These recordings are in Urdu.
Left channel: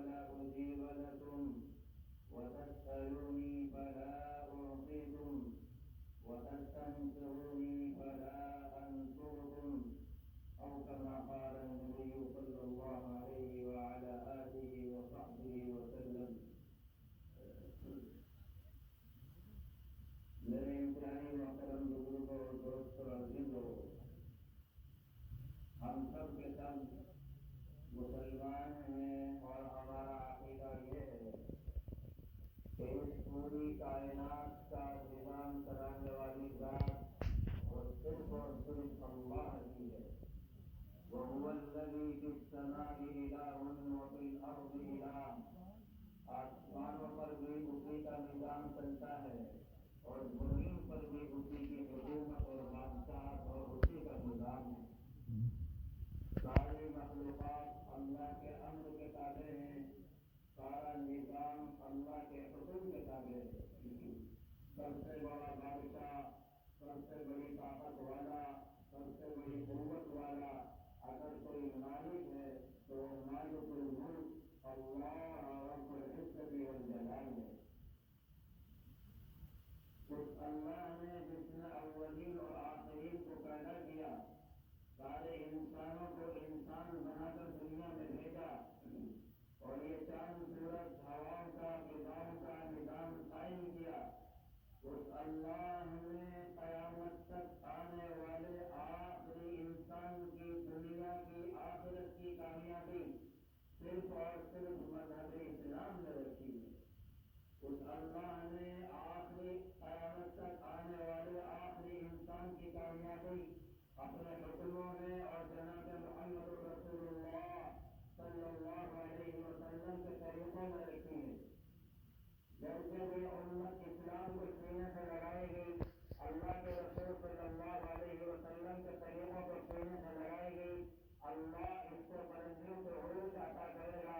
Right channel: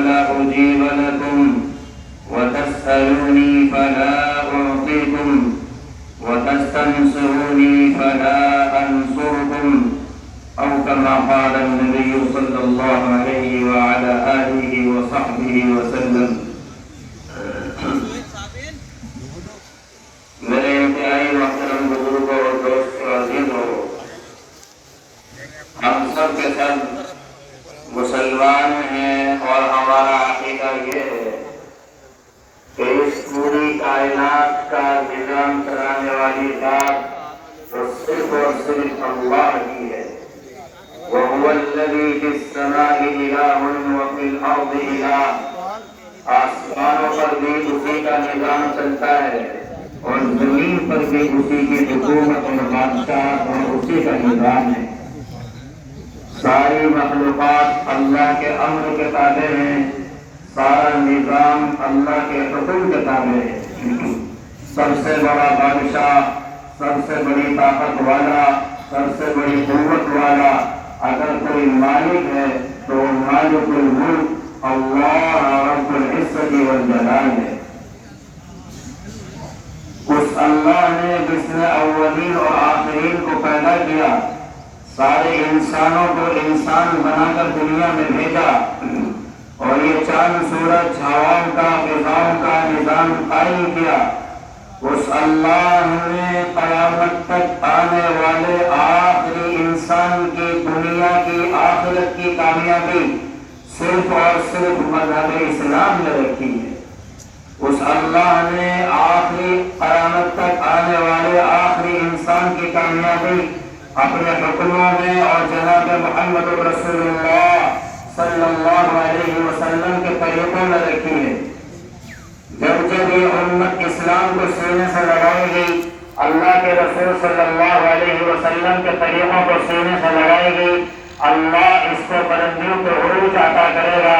فلا أجيب لكم وتسألوني فلا أعطيكم وتستنصروني فلا أنصركم أو كما قال النبي صلى الله عليه وعلى آله وصحبه وسلم. میرے انتہائی محترم بزرگوں اور دوستوں عزیزوں، ہم سب کے سب مسلمان ہیں اور ہمارا عقیدہ یہ ہے کہ اس پوری کائنات کا نظام چلانے والی ذات وہ صرف اور صرف اللہ کی ہے. وَهُوَ الَّذِي فِي السَّمَاءِ إِلَٰهٌ وَفِي الْأَرْضِ إِلَٰهٌ. آسمانوں پر بھی اسی کا نظام چلتا ہے اور زمین پر بھی اسی کی حکومت اور بادشاہ اور اسی کا نظام ہے. ساری مخلوقات اللہ کے امر کے تابع ہیں، سارا نظام اللہ کے حکم کے تابع ہے. سب سے بڑا بادشاہ، سب سے بڑی طاقت والا، سب سے بڑی قوت والا اگر کوئی مالک ہے تو وہ مالک الملک اللہ رب العزت والجلال ہے. اس اللہ نے جس نے اولین اور آخرین کو پیدا کیا، سارے انسانوں کو انسان بنا کر دنیا میں بھیجا اور یہ چاند سورج ہواؤں کا فضاؤں کا نظام قائم کیا. اس اللہ نے قیامت تک آنے والے آخری انسان کی دنیا کی آخرت کی کامیابی صرف اور صرف مذہب اسلام میں رکھی ہے. اس اللہ نے آخری قیامت تک آنے والے آخری انسان کی کامیابی اپنے حکموں میں اور جناب محمد رسول اللہ صلی اللہ علیہ وسلم کے طریقوں میں رکھی ہے. جب جب یہ امت اسلام کو سینے سے لگائے گی، اللہ کے رسول صلی اللہ علیہ وسلم کے طریقوں کو سینے سے لگائے گی، اللہ اس کو بلندیوں کو عروج عطا کرے گا،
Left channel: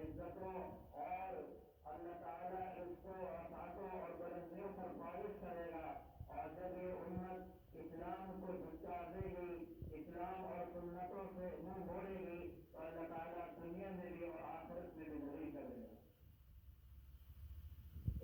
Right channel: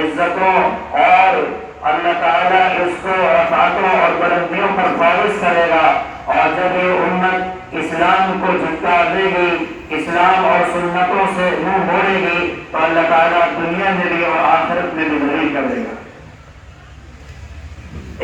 عزتوں، اور اللہ تعالیٰ اس کو رفعتوں اور بلندیوں پر فائز کرے گا. اور جب یہ امت اسلام کو جھٹکا دے گی، اسلام اور سنتوں سے منہ موڑے گی، تو اللہ تعالیٰ دنیا میں بھی اور آخرت میں بھی ذلیل کر دے گا.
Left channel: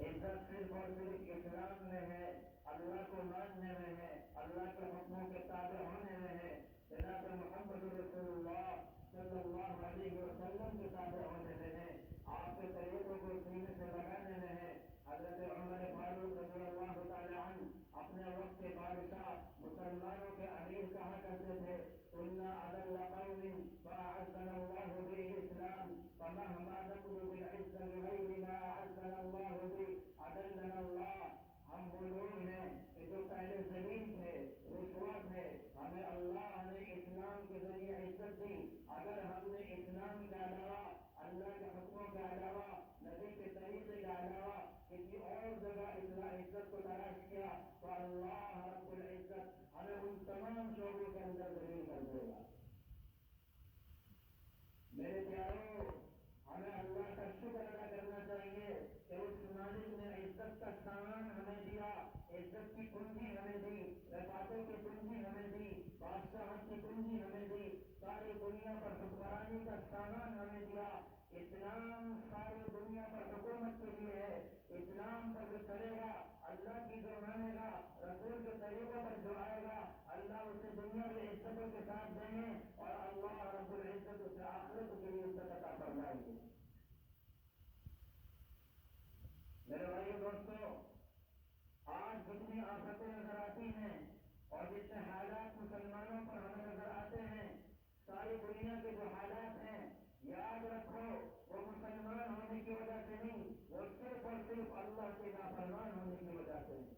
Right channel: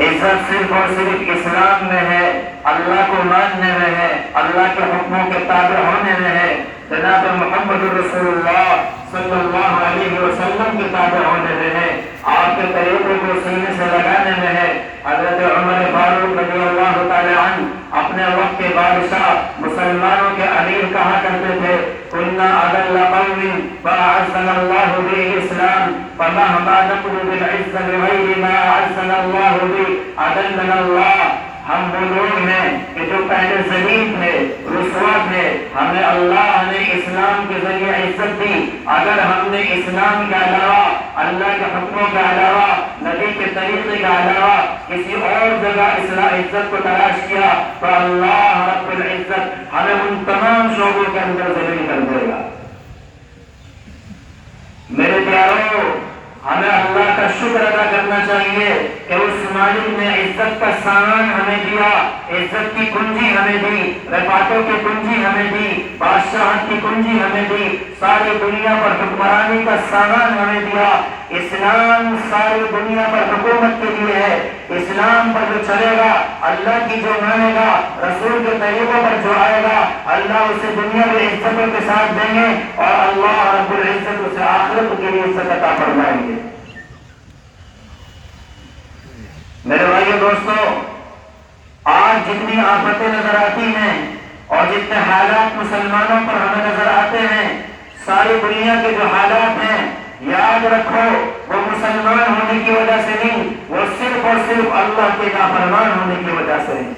عزت صرف اور صرف اسلام میں ہے، اللہ کو ماننے میں ہے، اللہ کے حکموں کے تابع ہونے میں ہے، جناب محمد رسول اللہ صلی اللہ علیہ وسلم کے تابع ہونے میں ہے، آپ کے طریقوں کو سینے سے لگانے میں ہے. حضرت عمر فاروق رضی اللہ تعالی عنہ اپنے وقت کے بادشاہ، مسلمانوں کے امیر کہا کرتے تھے: كنا أذل قوم فأعزنا الله بالإسلام فمهما نطلب العز بغير ما أعزنا الله به أذلنا الله. ہم وہ لوگ ہیں کہ جو پہلے ذلیل تھے، رسوا تھے، ہمیں اللہ نے اسلام کے ذریعے عزت دی. اگر ہم نے اسلام کے علاوہ، اللہ کے حکموں کے علاوہ، نبی کے طریقے کے علاوہ کسی اور جگہ عزت کو تلاش کیا تو اللہ رب العزت ہمیں ان تمام شعبوں کے اندر ذلیل کر دے گا. میرے پیاروں، ہمیں اللہ کا شکر ادا کرنا چاہیے کہ اس مالک نے عزت کا سامان ہمیں دیا، عزت کی کنجی ہمیں دی، رفعتوں کی کنجی ہمیں دی، بادشاہت کی کنجی ہمیں دی، ساری دنیا پر حکمرانی کا سامان ہمیں دیا. اسلام ساری دنیا پر حکومت کے لیے ہے. اسلام پر جو چلے گا، اللہ کی جو مانے گا، رسول کے طریقوں پر جو آئے گا، اللہ اسے دنیا میں عزتوں کے ساتھ دیں گے اور اللہ رب العزت اسے آخرت کے لیے عزت عطا فرمائیں گے. میرے بھائیو دوستو، آج جتنی آفتیں نظر آتی ہیں اور جتنے حالات مسلمانوں پر ہمیں نظر آتے ہیں، ساری دنیا کے جو حالات ہیں، یاد رکھو وہ مسلمان ہونے کی وجہ سے نہیں، وہ صرف اور صرف اللہ کے نافرمان ہونے کی وجہ سے نہیں.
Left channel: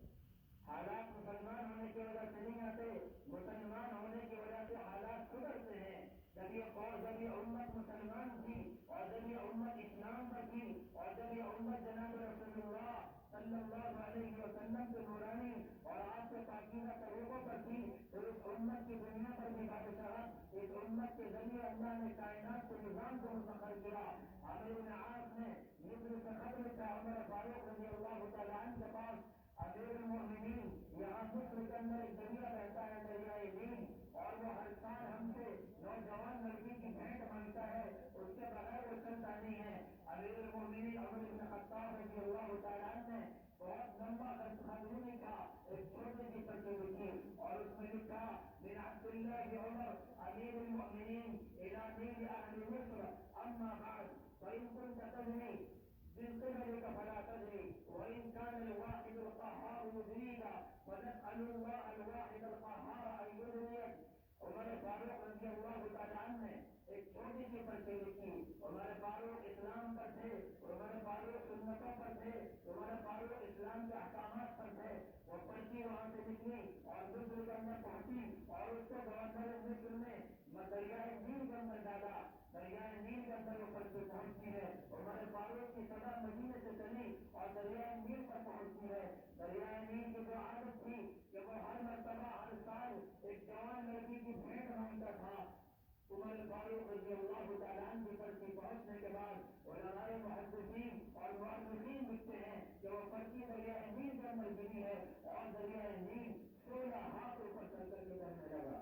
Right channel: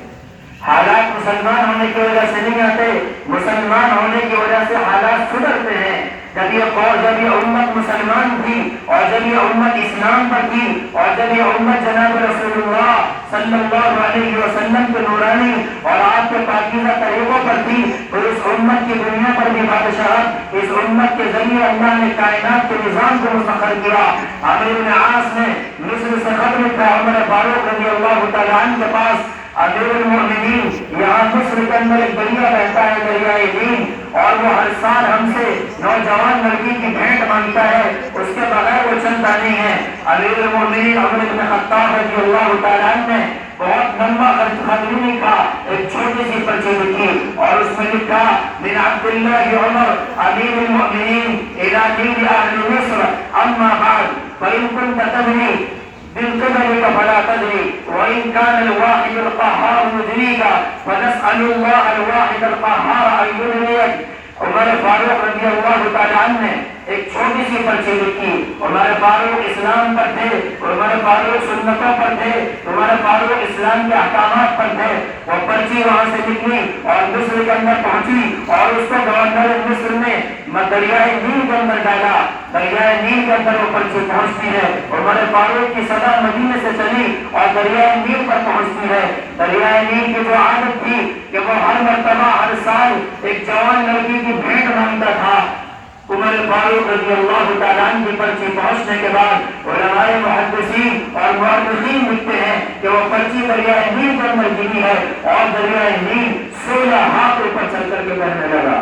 حالات مسلمان ہونے کی وجہ سے نہیں آتے، مسلمان ہونے کی وجہ سے حالات سدھرتے ہیں. جب یہ امت مسلمان تھی اور جب یہ امت اسلام پر تھی اور جب یہ امت جناب رسول اللہ صلی اللہ علیہ وسلم کے نورانی اور آپ کے پاکیزہ طریقوں پر تھی، تو اس امت کی دنیا پر بھی بادشاہت اس امت کے ذریعے اللہ نے کائنات کے نظام کو مسخر کیا. عامر بن عاص نے مصر سے خط لکھا عمر فاروق رضی اللہ تعالیٰ عنہ کے پاس: امیر المؤمنین، یہاں مصر کے اندر ایک دریا بہتا ہے، دریائے نیل، اور وہ ہر سال ہم سے نوجوان لڑکی کی بھیٹ مانگتا ہے، اس کے بغیر وہ چلتا نہیں ہے۔ امیر المومنین عمر بن خطاب رضی اللہ تعالیٰ عنہ نے بہت لمبا خط نہیں لکھا، ایک چھوٹی سی پرچی لکھی اور اس میں لکھا من عبداللہ عمر امیر المؤمنین الى دین اہل مصر اما بعد فإن كنت تدري بالقبل فلا تدري وإن كان الواحد القهار يدريك فنسأل الله الواحد القهار أن يدريك۔ عمر فاروق رضی اللہ تعالیٰ عنہ نے ایک چھوٹی سی پرچی لکھی۔ عمر فاروق اسلام پر تھے، عمر فاروق سنتوں پر تھے، عمر فاروق اسلام کے احکامات پر تھے۔ وہ پرچی وہاں سے نکلی اور مصر کے اندر پہنچی اور اس کو گورنر مصر نے دریائے نیل کے اندر ڈالا۔ دریائے نیل کے اندر وہ پرچی پہنچتی ہے، عمر فاروق کی صدا مدینے سے چلی اور دریائے نیل پر پہنچتی ہے۔ دریائے نیل کی جو عادت تھی کہ وہ ہر مرتبہ ہر سال ایک جوان لڑکی کی بھیٹ مانگتا تھا، عمر فاروق رضی اللہ تعالیٰ عنہ کی پرچی پہنچنے کے بعد علماء محدثین اور مورخین لکھتے ہیں کہ وہ پرچی دریائے نیل کے اندر گری ہے اور دریائے نیل 16 ہاتھ اوپر چل کر کے بہنے لگا،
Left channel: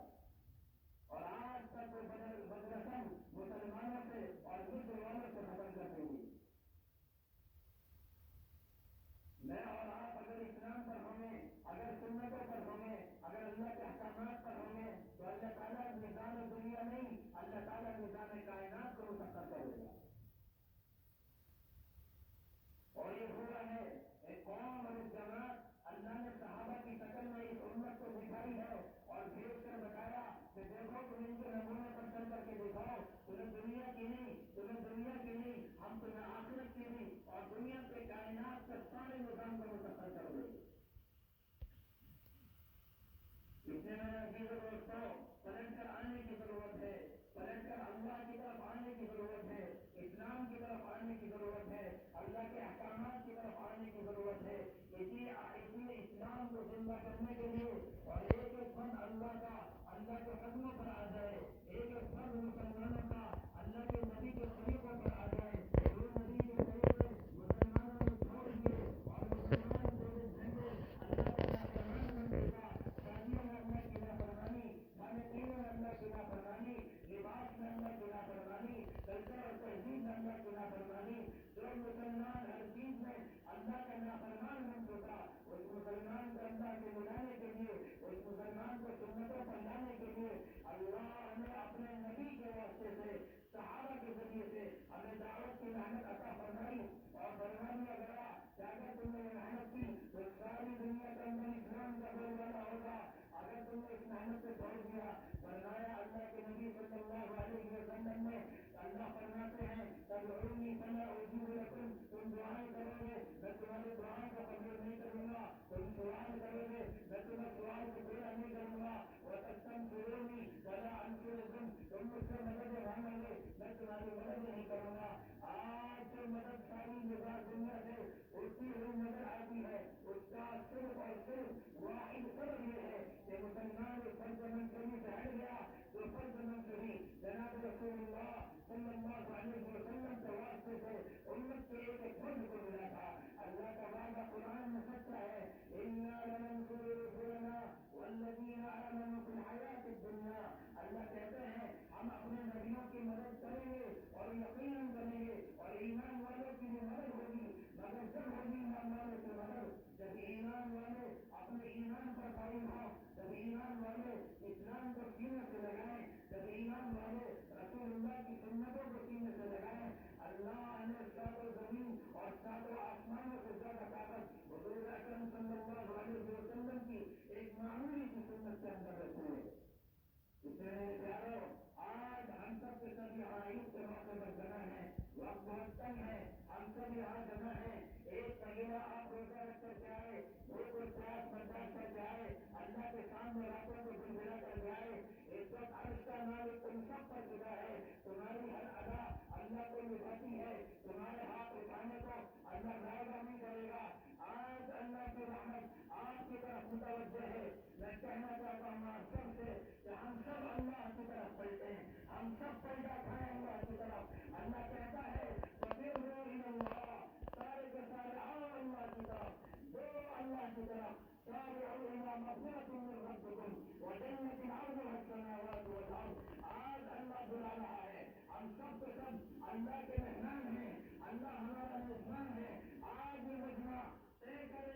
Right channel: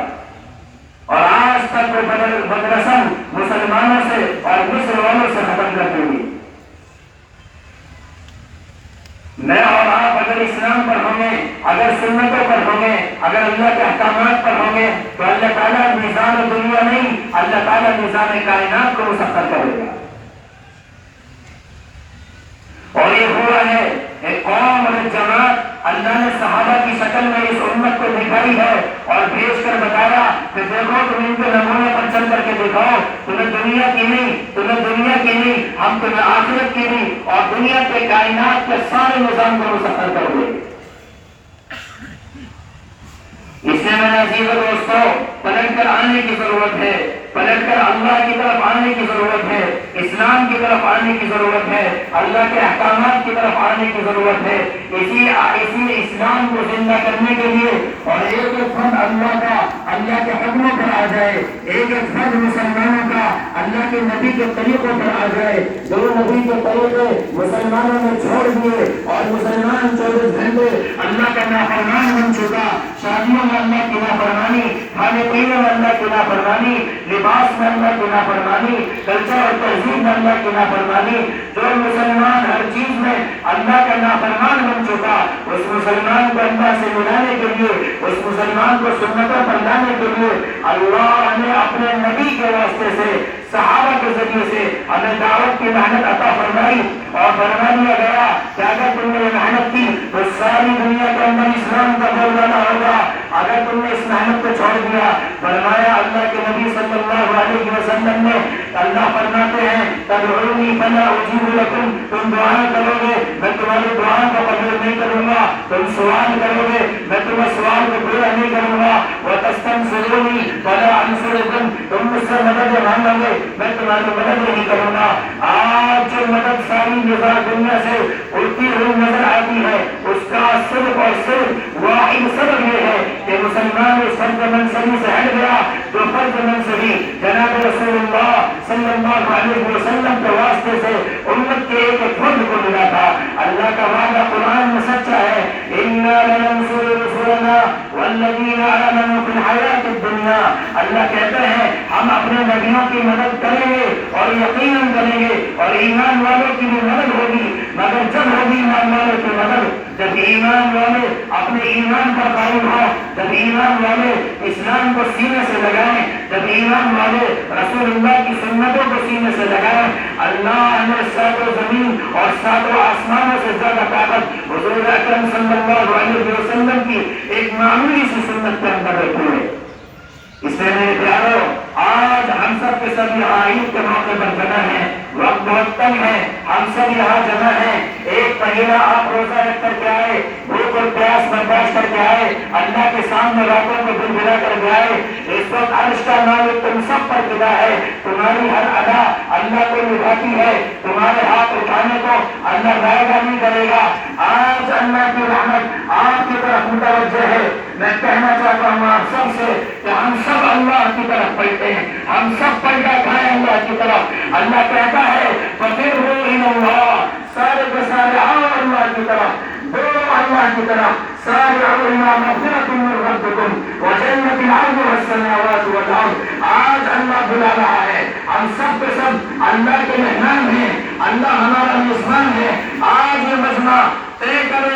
اور آج تک وہ بدرسم مسلمانوں سے اور مصر والوں سے ختم کر دیں گی۔ میں اور آپ اگر اسلام پر ہوں گے، اگر سنتوں پر ہوں گے، اگر اللہ کے احکامات پر ہوں گے تو اللہ تعالیٰ میزان دنیا نہیں، اللہ تعالیٰ میزان کائنات کو مسخر کرے گا۔ اور یہ ہوا ہے ایک قوم اور ایک جماعت اللہ نے صحابہ کی شکل میں اس امت کو دکھائی ہے اور بھیج کر بتایا کہ دیکھو تم ان کے نمونے پر چل کر کے دکھاؤ، تمہیں دنیا کی نہیں، تمہیں دنیا کی نہیں، ہم تمہیں آخرت کی نہیں، اور دنیا کے کائنات کے سارے نظام کو مسخر کر دے۔ اس لیے میں عزیز دوستو پلٹ کر آنے کی ضرورت ہے، پلٹ کر اللہ کی طرف آنے کی ضرورت ہے، اسلام کی طرف آنے کی ضرورت ہے، اللہ کے احکامات کی طرف آنے کی ضرورت ہے۔ اسی اسلام کو زندہ کرنے کے لیے اور ایک ایک فرد اللہ کے حکموں پر آ جائے، ایک ایک فرد مسلمانوں کا اللہ کے نبی کے طریقوں پر آ جائے، جو نبی کے طریقے مسلمانوں نے چھوڑ دیے اور مسلمان 24 گھنٹے اللہ کا نافرمان بن چکا، شادیوں میں اللہ کی نافرمانی، کھانے پینے میں اللہ کی نافرمانی، لباس میں اللہ کی نافرمانی، کلچر اور تہذیب میں اللہ کی نافرمانی، جو مسلمان ہر چیز میں اللہ کا نافرمان بن چکا، اس مسلمان کو اللہ سے ملانے کے لیے، اس مسلمان کو سنتوں پر لانے کے لیے اللہ نے اپنے نبی کے واسطے سے صحابہ کے ذریعے سے ہمیں دعوت کی محنت عطا فرمائی اور فرما دیا گیا کہ اگر تم نے یہ محنت کی تو ساری دنیا کے اندر اسلام کا بول بالا ہوگا، اگر تم نے اس محنت کو چھوڑ دیا۔ فرمایا اللہ کے نبی صلی اللہ علیہ وسلم نے، اللہ فرماتے ہیں تدعونی فلا اجیب لکم، تم دعائیں کرو گے میں تمہاری دعاؤں کو قبول نہیں کروں گا، تم سوال کرو گے میں تمہیں سوال کو پورا نہیں کروں گا، وتستنصرونی فلا انصرکم، تم مجھ سے مدد مانگو گے میں تمہاری مدد نہیں کروں گا۔ آج جو مدد ساری دنیا سے اڑتی ہوئی نظر آتی ہے اس کا صرف اور صرف واحد سبب یہ ہے کہ مسلمان اس فرض منصبی سے ہٹ گیا جو فرض منصبی جناب رسول اللہ صلی اللہ علیہ وسلم کے واسطے سے امت کے ایک فرد کو ملا تھا۔ اللہ کا وعدہ قرآن میں سچا ہے، اِنَّا لَنَنصُرُ رُسُلَنَا وَالَّذِينَ آمَنُوا فِي الْحَيَاةِ الدُّنْيَا، اللہ کہتے ہیں ہم اپنے نبیوں کی مدد کریں گے اور یقیناً کریں گے اور ایمان والوں کی بھی مدد ہوگی، مگر جب ہوگی ایمان والوں کی مدد جب ایمان والے اپنے ایمان پر قائم ہو، جب ایمان والے اسلام کو سینے سے لگائیں، جب ایمان والے رسول اللہ کی سنتوں کو سینے سے لگائیں۔ اللہ نے ساتوں زمین اور ساتوں آسمانوں سے زیادہ طاقت حضور اکرم صلی اللہ علیہ وسلم کی ایک معمولی سی سنت کے اندر رکھی ہے۔ اس لیے میرے پیارو آج ہم سب کے سب یہاں عید کے موقع پر جمع ہیں، وقت بہت کم ہے، ہم سب یہاں جمع ہیں۔ ایک مہینہ آپ روزہ رکھ کر کے آئے، بھوک اور پیاس برداشت کر کے آئے، اللہ کے سامنے راتوں کو دل بلا کر کے آئے۔ اس وقت عرش کا مالک تم سب پر فدا ہے، تمہاری ہر ادا اللہ کو نبھاتی ہے، تمہارے ہاتھ اٹھانے کو اللہ ضائع نہیں کرے گا۔ آج اللہ کی رحمت آپ کی طرف متوجہ ہے۔ میں کہنا چاہتا ہوں آپ سب سے کہ ہم سب اللہ کی طرف پلٹے ہیں، ہم سب پلٹا کھائیں اللہ کی طرف۔ اللہ کہتا ہے فَفِرُّوا إِلَى اللَّهِ، سارے کے سارے آؤ اللہ کی طرف، دوڑو اللہ کی طرف، سارعوا إِلَى مَغْفِرَةٍ مِّن رَّبِّكُمْ وَجَنَّةٍ عَرْضُهَا بلا رہا ہے. ہم سب کے سب اللہ کے مہمان ہیں, اللہ ہمارا میزبان ہے. آج یہ مجمع طے کرے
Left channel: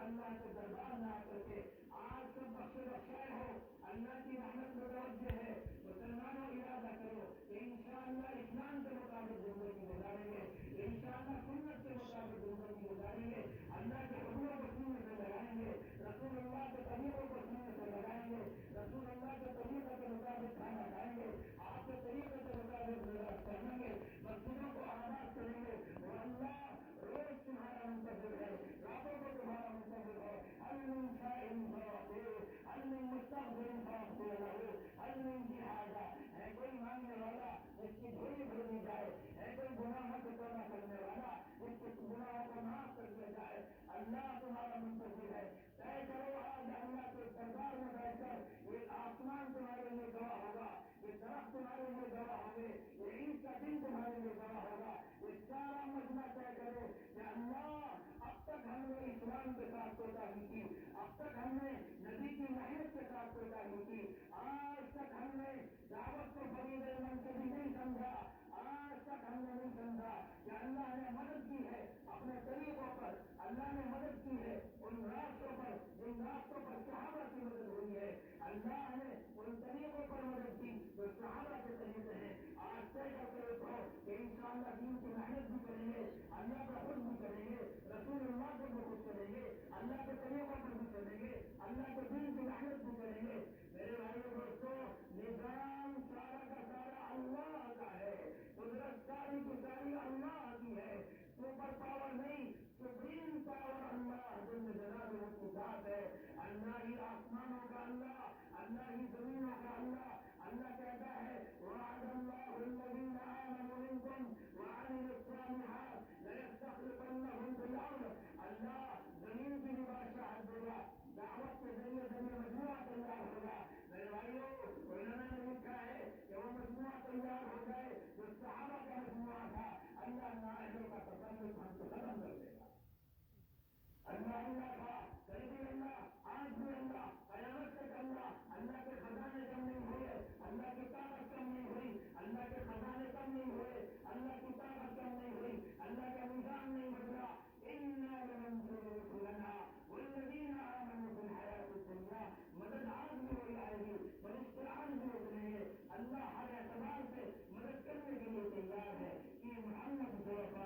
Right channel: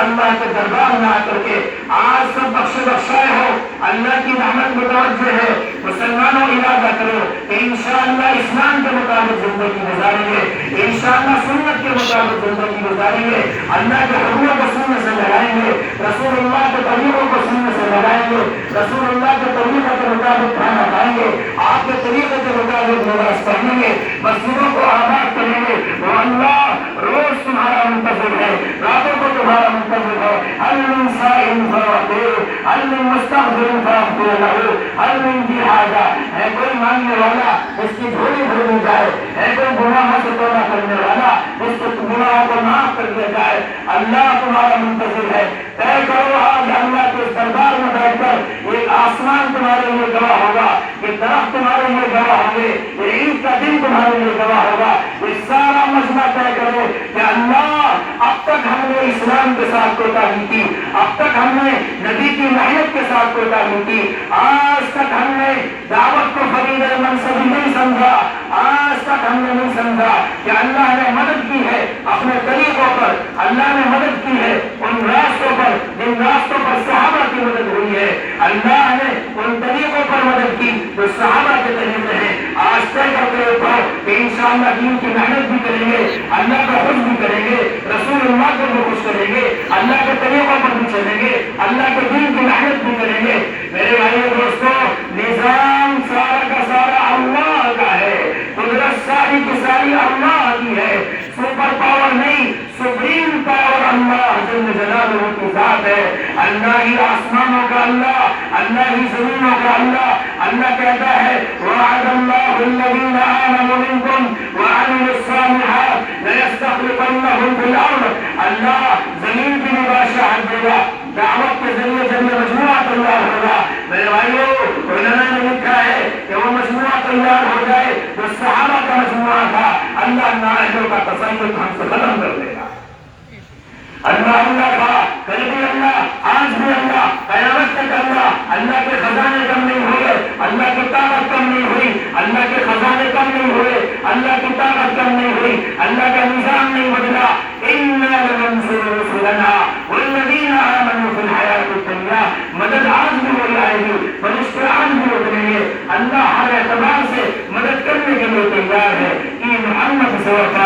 اللہ کے دربار میں آ کر کے آج سب بخشائے ہو. اللہ کی رحمت متوجہ ہے. مسلمانوں ارادہ کرو کہ انشاءاللہ اسلام کے مطابق زندگی گزاریں گے, انشاءاللہ سنت کے مطابق زندگی گزاریں گے, اللہ کے حکموں کو سننے سے لگائیں گے, رسول اللہ کے طریقوں کو سننے سے لگائیں گے, رسول اللہ کے طریقوں کے مطابق کھانا کھائیں گے, آپ کے طریقے کے مطابق نماز پڑھیں گے, مسجدوں کو آباد کریں گے. وہ اللہ روز تمہارا منتظر ہے, راتوں کو تمہارا منتظر ہے. هل من سائل فاعطوه, هل من مستغفر فاغفر له, هل من ذی حاجہ, ہے کوئی مانگنے والا اس کی جھولی بھر دی جائے, ہے کوئی گناہوں سے توبہ کرنے والا اس کے گناہوں کو معاف کر دیا جائے. اللہ تمہارا منتظر ہے. طے کرو آج اللہ کے دربار میں بیٹھ کر ایک آسمان تمہارے لیے گواہ ہوگا, یہ درخت تمہارے لیے گواہ ہوں گے, یہ عید کا دن تمہارے لیے گواہ ہوگا. یہ سارا مجمع طے کرو کہ اللہ اب تک ہم نے اسلام کے ساتھ کوتاہی کی, اب تک ہم نے نبی کی محنت کے ساتھ کوتاہی کی, آج تک ہم نے دعوت کو فرید منصبی نہیں سمجھا, آج تک ہم نے نہیں سمجھا کہ اللہ نے مدد کی ہے اپنے طریقوں پر, اللہ نے مدد کی ہے ان راستوں پر جن راستوں پر صحابہ کی مدد ہوئی ہے, اللہ نے ان طریقوں پر مدد کی جو صحابہ کے طریقے ہیں. آج طے کرتے اٹھو کہ انشاءاللہ دین کی محنت بھی کریں گے, اللہ کو خوش بھی کریں گے, رسول اللہ کو بھی خوش کریں گے, اللہ کے طریقوں پر بھی چلیں گے, اللہ کے دین کی محنت بھی کریں گے. میرے بھائیو دوستو, نظام سارا کا سارا اللہ کا ہے, قدرت ساری کی ساری اللہ کی ہے, سپر پاور نہیں, سپریم پاور اللہ جل جلالہ کی ذات ہے. اللہ ہی آسمانوں کا اللہ, اللہ ہی زمینوں کا اللہ. اللہ کہتا ہے وعد اللہ الذین آمنوا منکم وعملوا الصالحات ليستخلفنهم في الارض. اللہ زمین کی بھی بادشاہت دے گا, دعوت کے ذریعے جب یہ مجموعہ تیار ہوگا. میرے بھائیو, علماء نے لکھا ہے کہ وہ مجموعہ تیار ہو جائے جو صحابہ کا مجموعہ تھا, اللہ نااہلوں کا تسلط ہم سے ختم کر دے گا. اللہ اللہ تھا, کل بھی اللہ, آج بھی اللہ, قیامت تک اللہ. اللہ کے خزانے کم نہیں ہوئے, اللہ کی طاقت کم نہیں ہوئی, اللہ کے خزانے کم نہیں ہوئے, اللہ کی طاقت کم نہیں ہوئی, اللہ کا نظام نہیں بدلا. اِنَّا لَنَنصُرُ رُسُلَنَا وَالَّذِينَ آمَنُوا فِي الْحَيَاةِ الدُّنْيَا. مدد آج بھی ہو جائے گی, فرشتے آج بھی اتریں گے. اللہ ہر اعتبار سے مدد کرنے کے لیے تیار ہے. کہ محمد صلی اللہ